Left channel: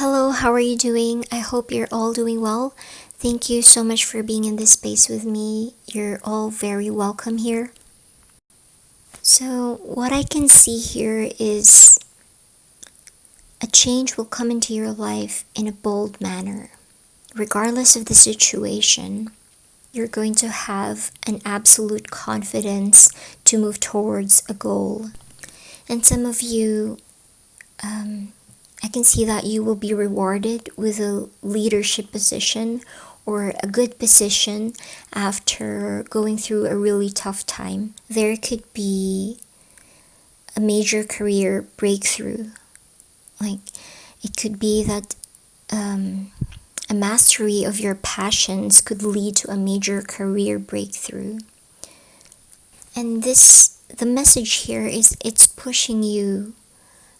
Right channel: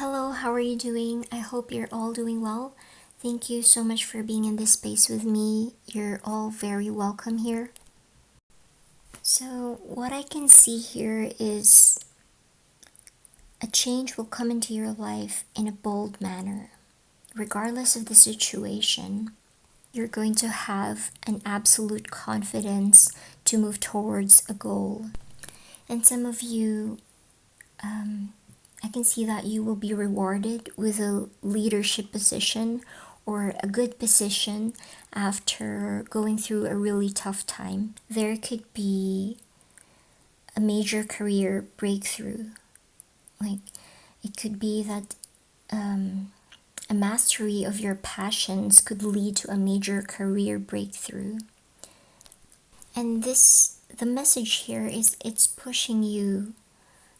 Hello, how are you doing? I hope you're all doing well. Thank you so much for being in this space with me. You're all very welcome here. So, what I can see here is a change will come into your life in a bold manner. Regardless of the situation, you're going to have an absolute confidence to move towards a goal. And some of you, I can see that you will be rewarded with a leadership position or a good position after going through a really tough time. There could be a major career breakthrough. Like, it could be that a mastery of your passions could lead to a major career breakthrough. And the message here is it's pushing you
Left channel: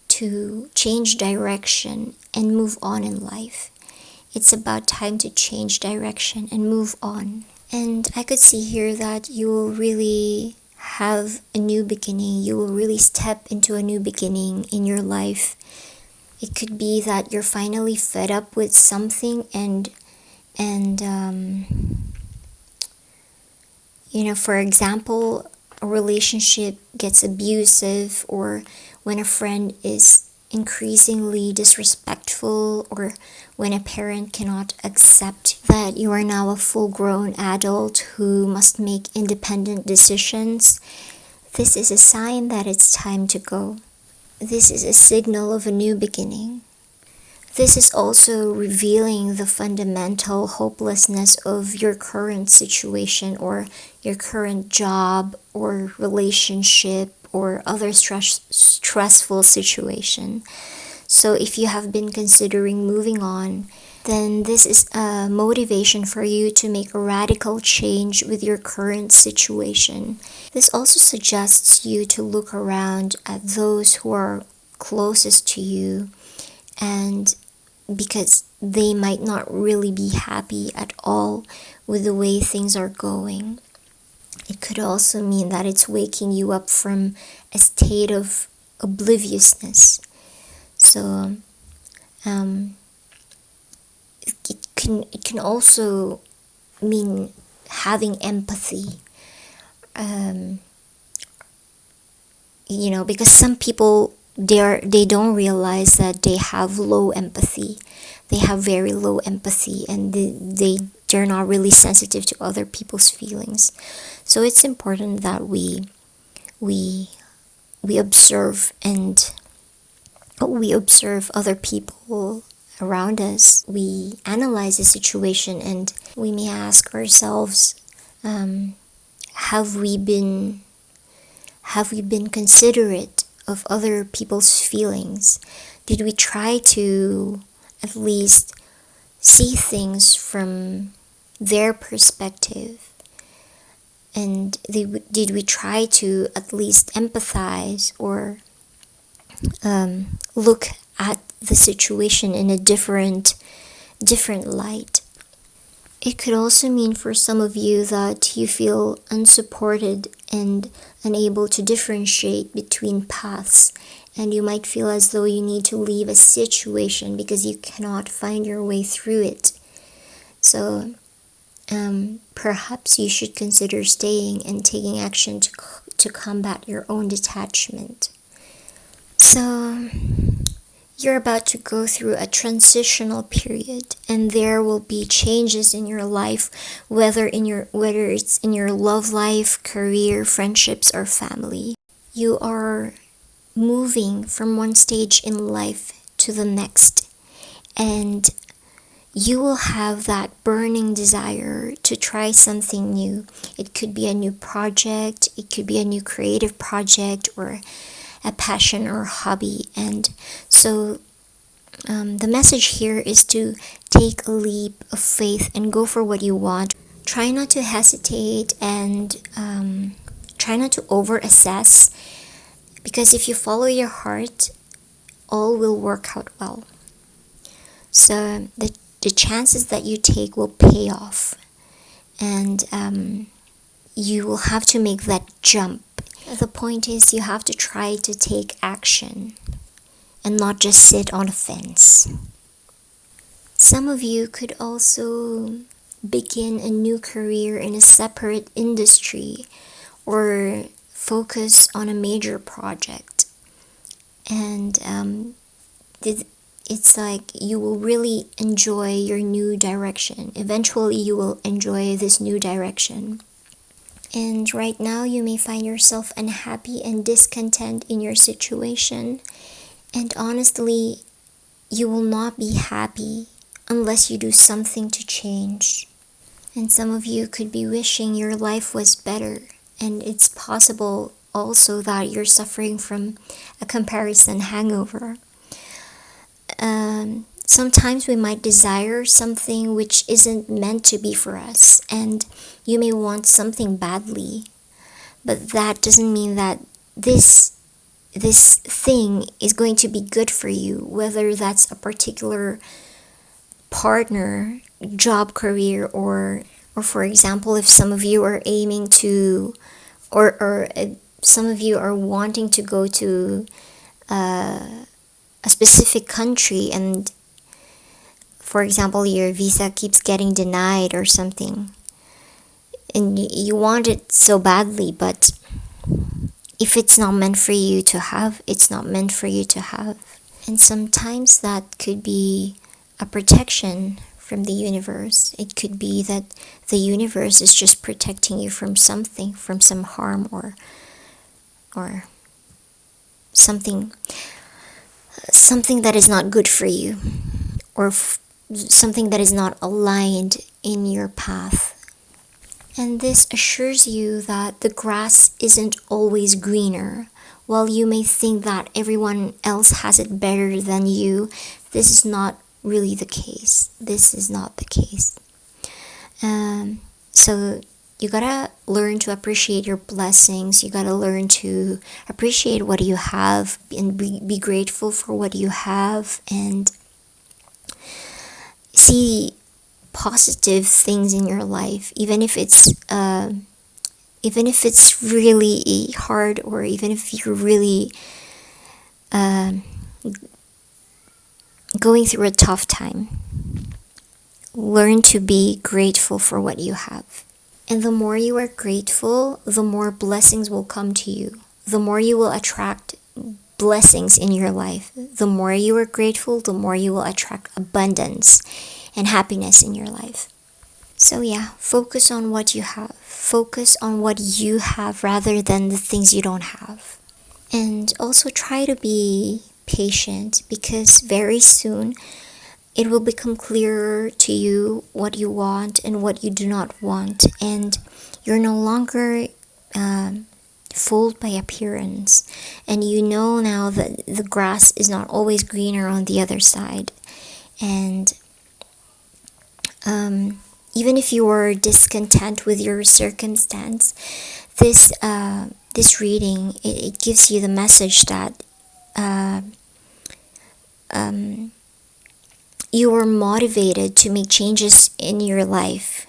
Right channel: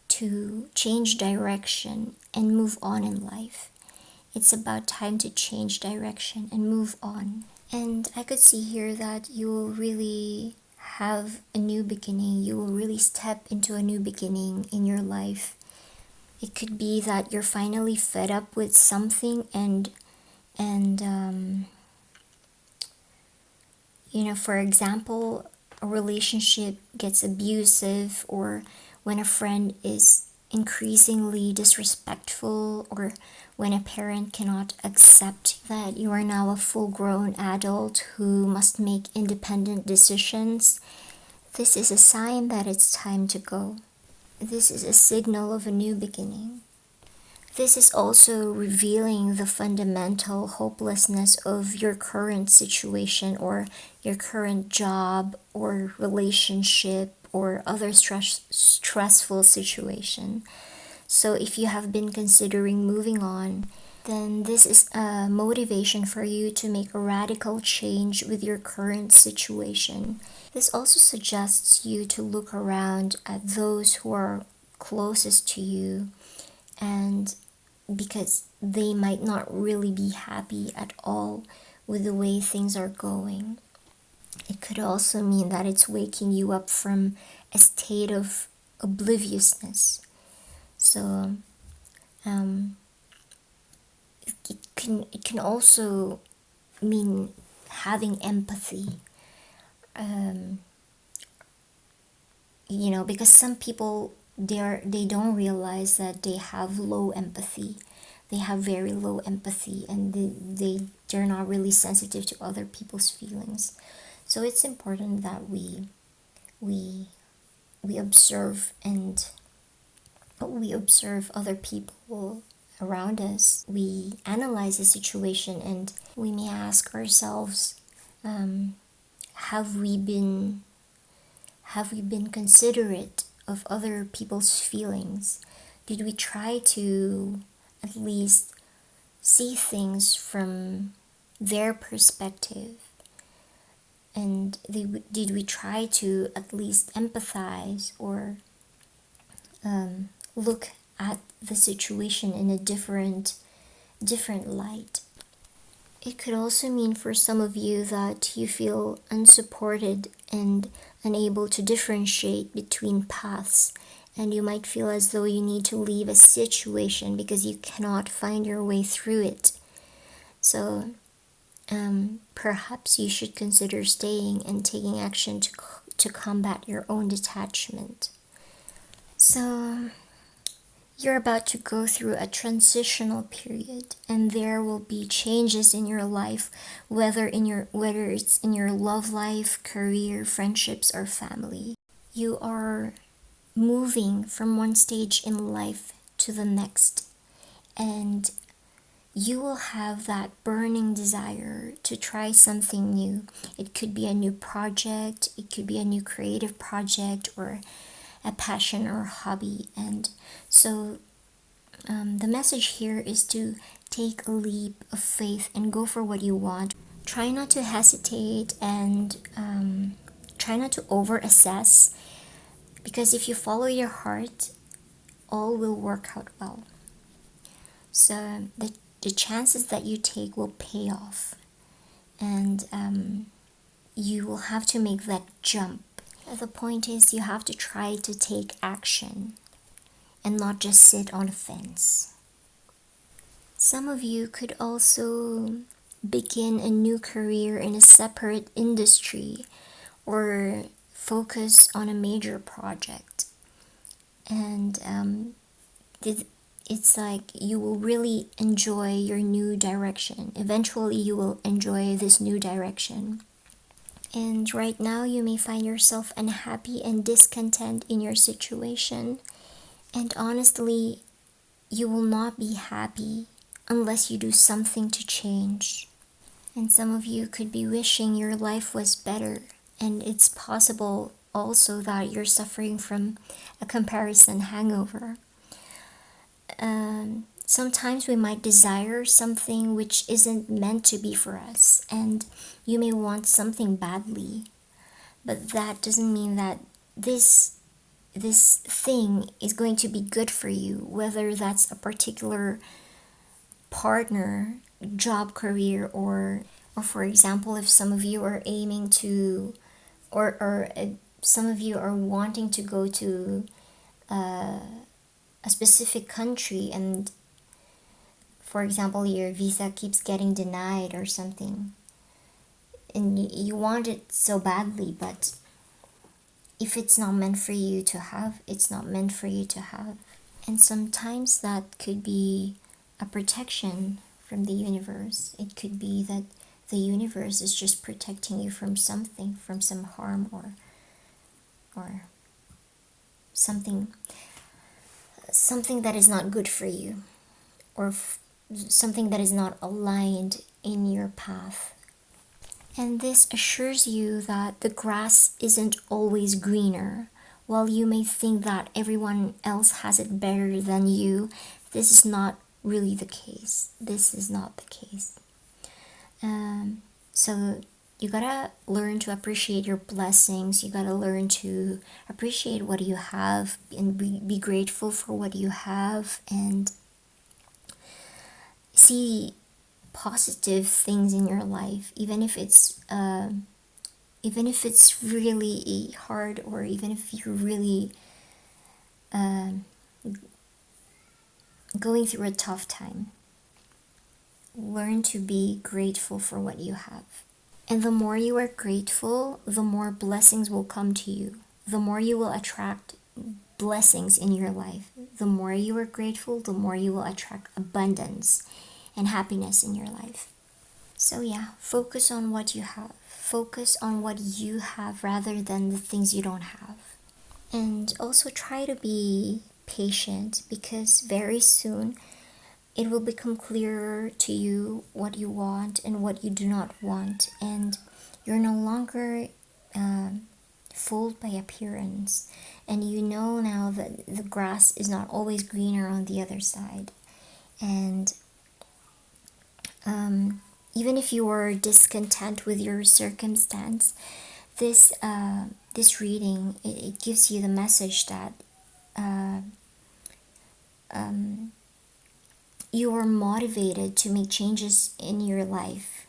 to change direction and move on in life. It's about time to change direction and move on. And I could see here that you will really have a new beginning. You will really step into a new beginning in your life. It could be that you're finally fed up with something and for example, a relationship gets abusive, or when a friend is increasingly disrespectful, or when a parent cannot accept that you are now a full-grown adult who must make independent decisions. This is a sign that it's time to go. This is a signal of a new beginning. This is also revealing the fundamental hopelessness of your current situation or your current job or relationship or other stressful situation. So if you have been considering moving on, then this is a motivation for you to make a radical change with your current situation. This also suggests you to look around at those who are closest to you, and because they might not really be happy at all with the way things are going. It could also mean that it's waking you up from a state of obliviousness. So it can also mean having empathy. Because some people they don't realize that they have low empathy. They have very low empathy, and they're not really sensitive to other people's feelings. So it's important that we observe other people around us. We analyze the situation, and we may ask ourselves, have we been considerate of other people's feelings? Did we try to at least see things from their perspective? And did we try to at least empathize or look at the situation in a different light? It could also mean for some of you that you feel unsupported and unable to differentiate between paths, and you might feel as though you need to leave a situation because you cannot find your way through it. So perhaps you should consider staying and taking action to combat your own detachment. So you're about to go through a transitional period, and there will be changes in your life, whether it's in your love life, career, friendships, or family. You are moving from one stage in life to the next, and you will have that burning desire to try something new. It could be a new project, it could be a new creative project, or a passion or hobby. And so the message here is to take a leap of faith and go for what you want. Try not to hesitate, and try not to over-assess, because if you follow your heart, all will work out well. So the chances that you take will pay off, and you will have to make that jump. The point is, you have to try to take action and not just sit on a fence. Some of you could also begin a new career in a separate industry or focus on a major project. And it's like you will really enjoy your new direction. Eventually, you will enjoy this new direction. And right now, you may find yourself unhappy and discontent in your situation. And honestly, you will not be happy unless you do something to change. And some of you could be wishing your life was better. And it's possible also that you're suffering from a comparison hangover. Sometimes we might desire something which isn't meant to be for us, and you may want something badly, but that doesn't mean that this thing is going to be good for you, whether that's a particular partner, job, career, or for example, if some of you are aiming to, or some of you are wanting to go to a specific country, and for example your visa keeps getting denied or something, and you want it so badly, but if it's not meant for you to have, it's not meant for you to have. And sometimes that could be a protection from the universe. It could be that the universe is just protecting you from something, from some harm or something that is not good for you, or something that is not aligned in your path. And this assures you that the grass isn't always greener. While you may think that everyone else has it better than you, this is not really the case. This is not the case. So you gotta learn to appreciate your blessings. You gotta learn to appreciate what you have and be grateful for what you have, and see positive things in your life, even if it's really hard, or even if you're really going through a tough time. Learn to be grateful for what you have. And the more you are grateful, the more blessings will come to you. The more you will attract blessings in your life. The more you are grateful, the more you will attract abundance and happiness in your life. So yeah, focus on what you have. Focus on what you have rather than the things you don't have. And also try to be patient, because very soon it will become clearer to you what you want and what you do not want, and you're no longer fooled by appearance, and you know now that the grass is not always greener on the other side. And even if you are discontent with your circumstance, this reading, it gives you the message that you are motivated to make changes in your life.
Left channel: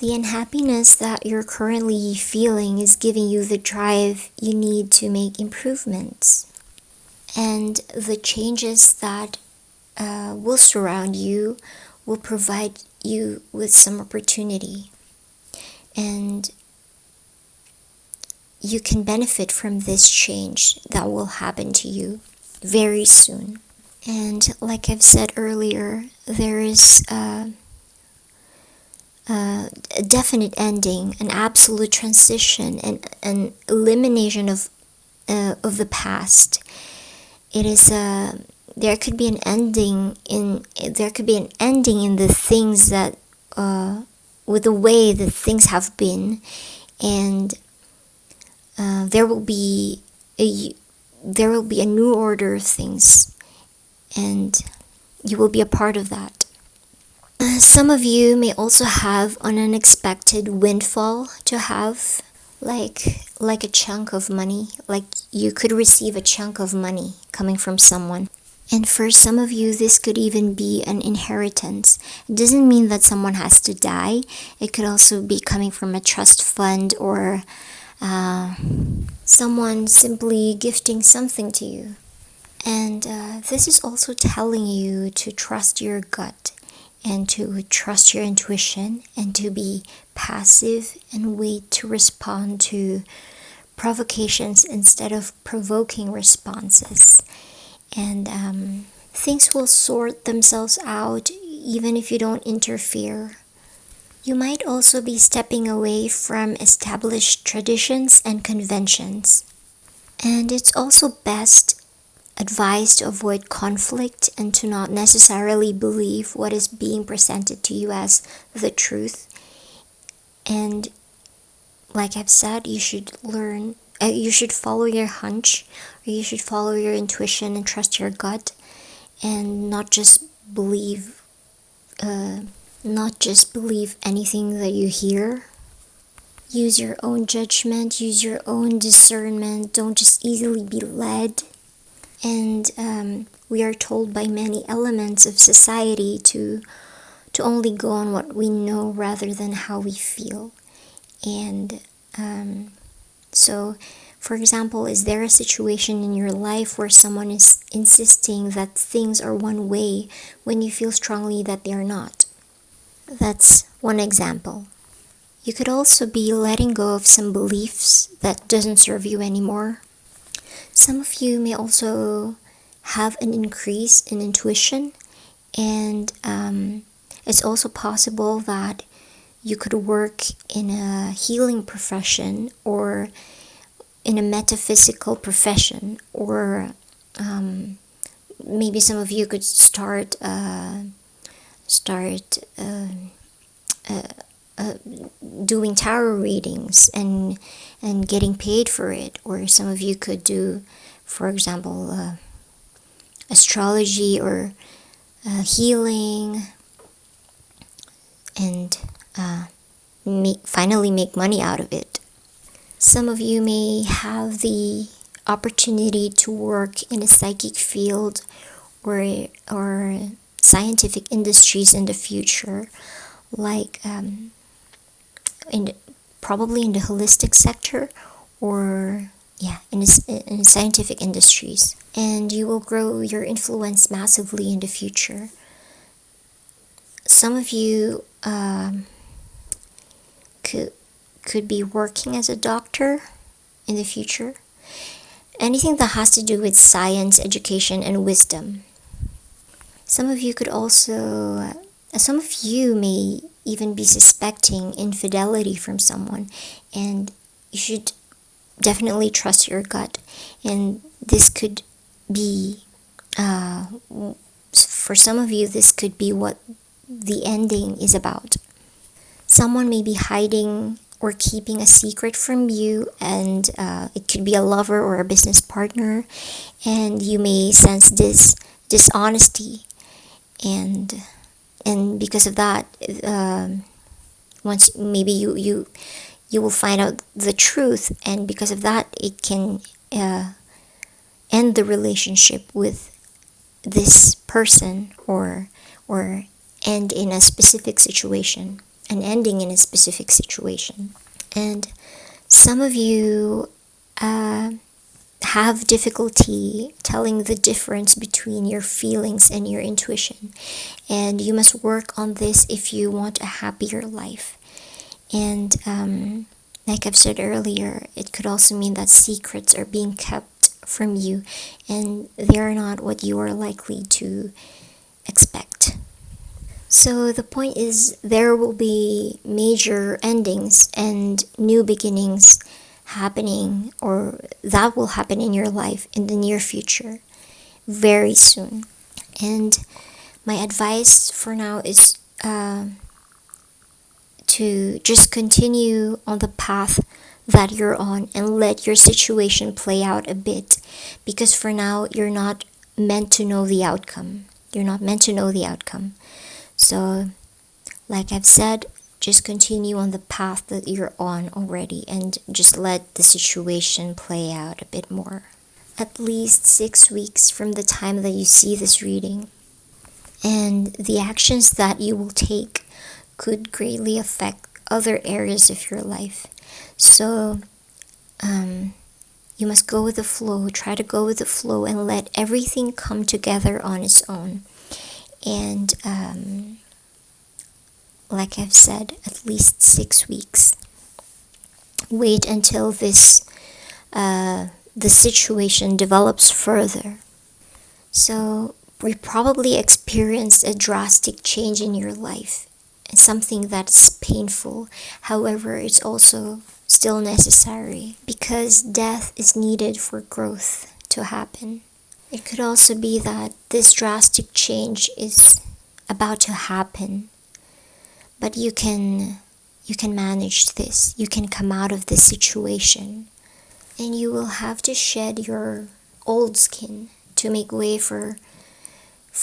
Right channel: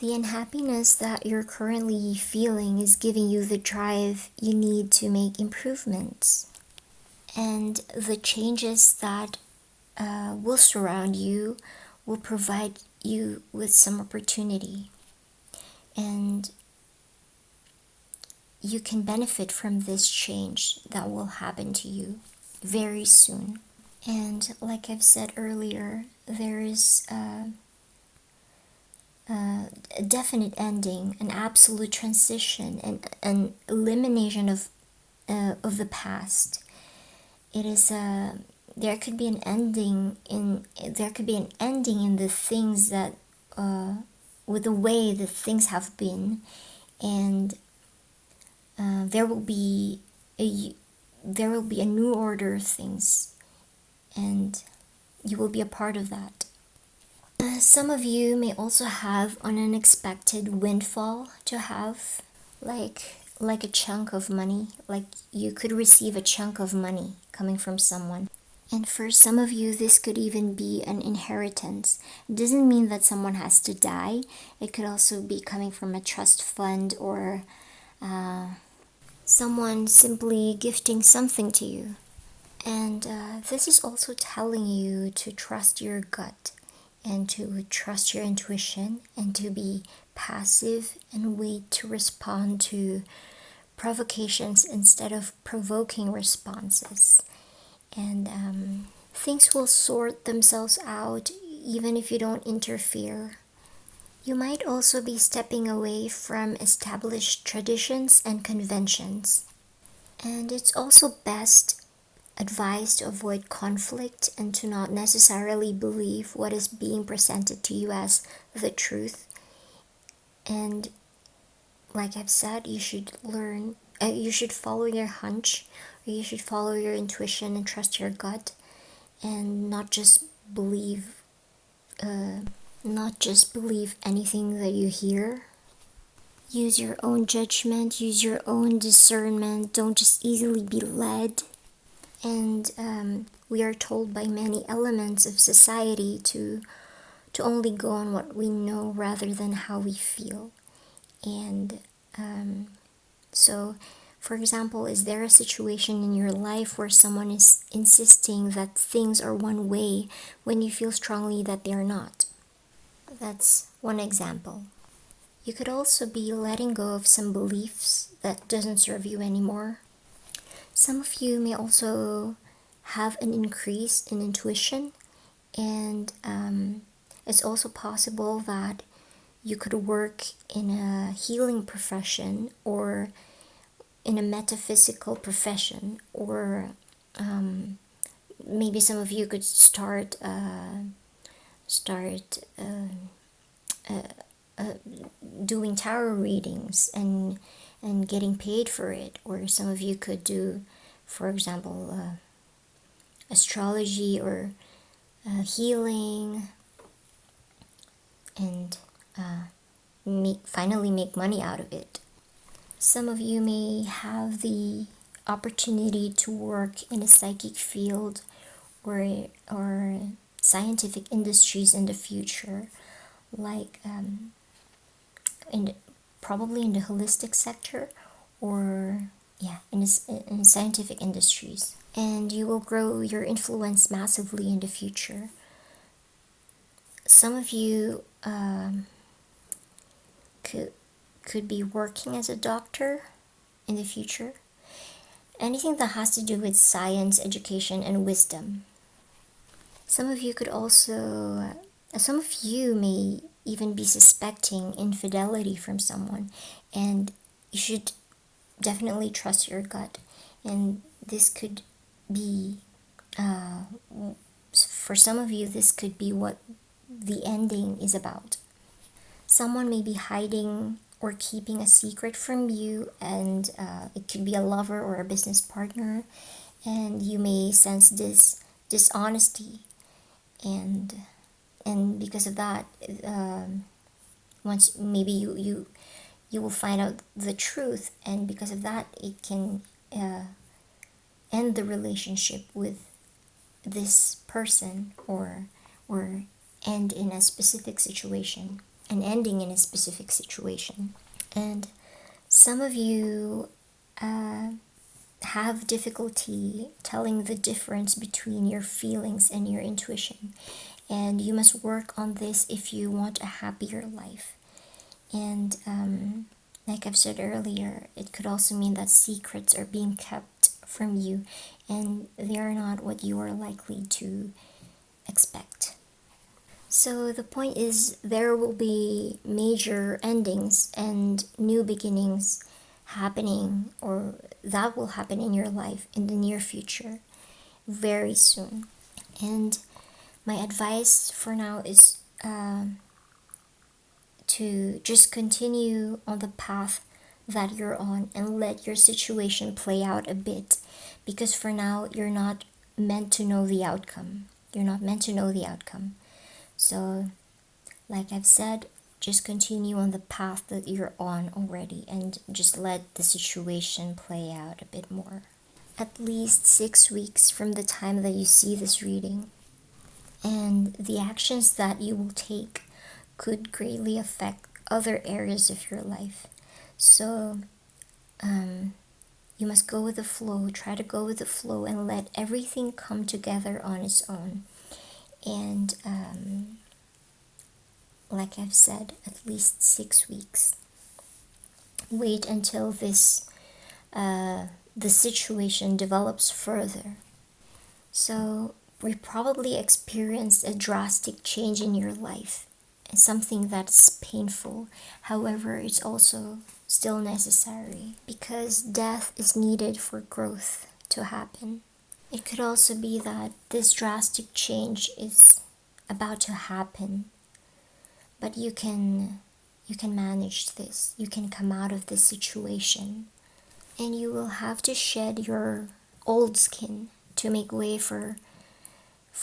The unhappiness that you're currently feeling is giving you the drive you need to make improvements. And the changes that will surround you will provide you with some opportunity. And you can benefit from this change that will happen to you very soon. And like I've said earlier, there is a definite ending, an absolute transition, and an elimination of the past. It is there could be an ending in the things that with the way that things have been, and there will be a new order of things. And you will be a part of that. Some of you may also have an unexpected windfall to have, like a chunk of money. Like you could receive a chunk of money coming from someone. And for some of you, this could even be an inheritance. It doesn't mean that someone has to die. It could also be coming from a trust fund, or someone simply gifting something to you. And this is also telling you to trust your gut and to trust your intuition and to be passive and wait to respond to provocations instead of provoking responses. And things will sort themselves out even if you don't interfere. You might also be stepping away from established traditions and conventions. And it's also best advised to avoid conflict and to not necessarily believe what is being presented to you as the truth. And like I've said, you should follow your hunch, or you should follow your intuition and trust your gut, and not just believe anything that you hear. Use your own judgment, use your own discernment, don't just easily be led. And we are told by many elements of society to only go on what we know rather than how we feel. And so, for example, is there a situation in your life where someone is insisting that things are one way when you feel strongly that they are not? That's one example. You could also be letting go of some beliefs that doesn't serve you anymore. Some of you may also have an increase in intuition, and it's also possible that you could work in a healing profession or in a metaphysical profession, or maybe some of you could start doing tarot readings and getting paid for it. Or some of you could do, for example, astrology or healing, and finally make money out of it. Some of you may have the opportunity to work in a psychic field or scientific industries in the future, like probably in the holistic sector, or in the scientific industries. And you will grow your influence massively in the future. Some of you could be working as a doctor in the future. Anything that has to do with science, education, and wisdom. Some of you may even be suspecting infidelity from someone, and you should definitely trust your gut. And this could be, for some of you, this could be what the ending is about. Someone may be hiding or keeping a secret from you, and it could be a lover or a business partner, and you may sense this dishonesty, and because of that, once maybe you will find out the truth, and because of that, it can end the relationship with this person, or end in a specific situation, an ending in a specific situation. And some of you have difficulty telling the difference between your feelings and your intuition, and you must work on this if you want a happier life. And like I've said earlier, it could also mean that secrets are being kept from you, and they are not what you are likely to expect. So the point is, there will be major endings and new beginnings happening, or that will happen in your life in the near future, very soon. And my advice for now is to just continue on the path that you're on and let your situation play out a bit, because for now you're not meant to know the outcome. So, like I've said, just continue on the path that you're on already, and just let the situation play out a bit more. At least 6 weeks from the time that you see this reading. And the actions that you will take could greatly affect other areas of your life. So, you must go with the flow. Try to go with the flow and let everything come together on its own. And like I've said, at least 6 weeks. Wait until the situation develops further. So we probably experienced a drastic change in your life, and something that's painful. However, it's also still necessary because death is needed for growth to happen. It could also be that this drastic change is about to happen, but you can manage this. You can come out of this situation, and you will have to shed your old skin to make way for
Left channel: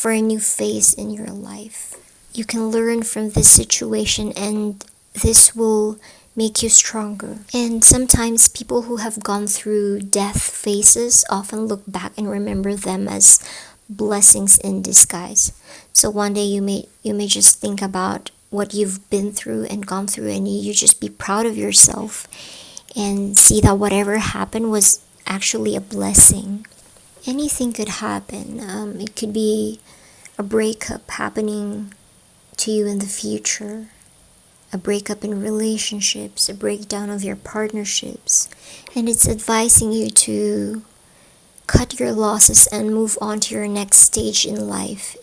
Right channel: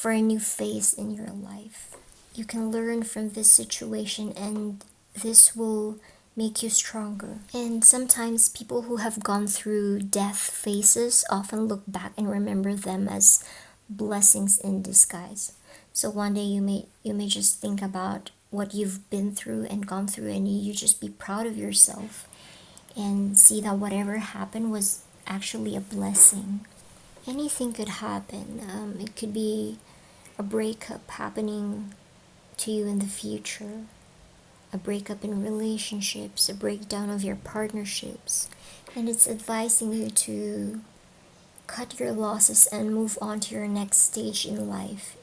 a new phase in your life. You can learn from this situation, and this will make you stronger. And sometimes people who have gone through death phases often look back and remember them as blessings in disguise. So one day you may just think about what you've been through and gone through, and you just be proud of yourself and see that whatever happened was actually a blessing. Anything could happen. It could be a breakup happening to you in the future, a breakup in relationships, a breakdown of your partnerships, and it's advising you to cut your losses and move on to your next stage in life.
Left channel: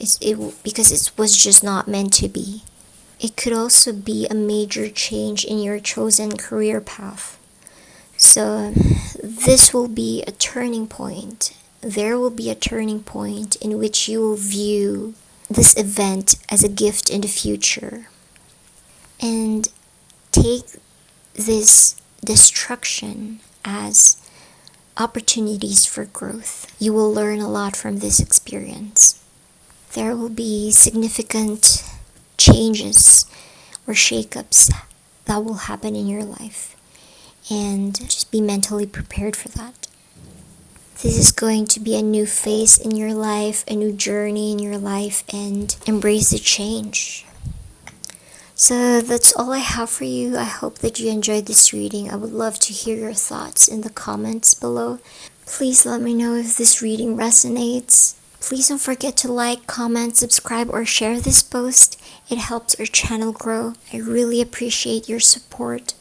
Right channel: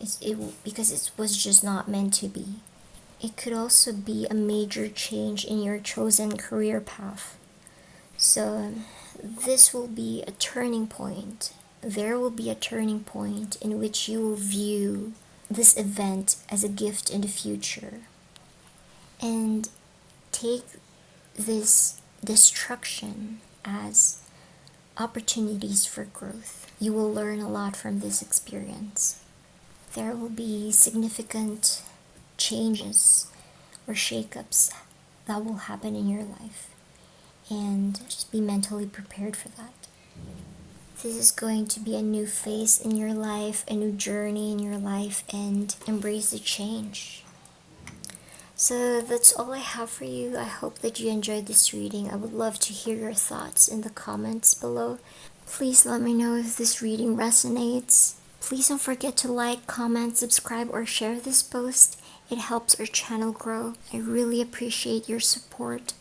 Because it was just not meant to be. It could also be a major change in your chosen career path. So this will be a turning point. There will be a turning point in which you will view this event as a gift in the future, and take this destruction as opportunities for growth. You will learn a lot from this experience. There will be significant changes or shakeups that will happen in your life, and just be mentally prepared for that. This is going to be a new phase in your life, a new journey in your life, and embrace the change. So that's all I have for you. I hope that you enjoyed this reading. I would love to hear your thoughts in the comments below. Please let me know if this reading resonates. Please don't forget to like, comment, subscribe, or share this post. It helps our channel grow. I really appreciate your support.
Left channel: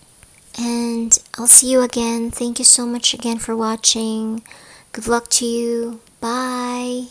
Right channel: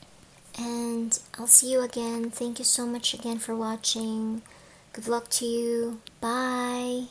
And I'll see you again. Thank you so much again for watching. Good luck to you. Bye.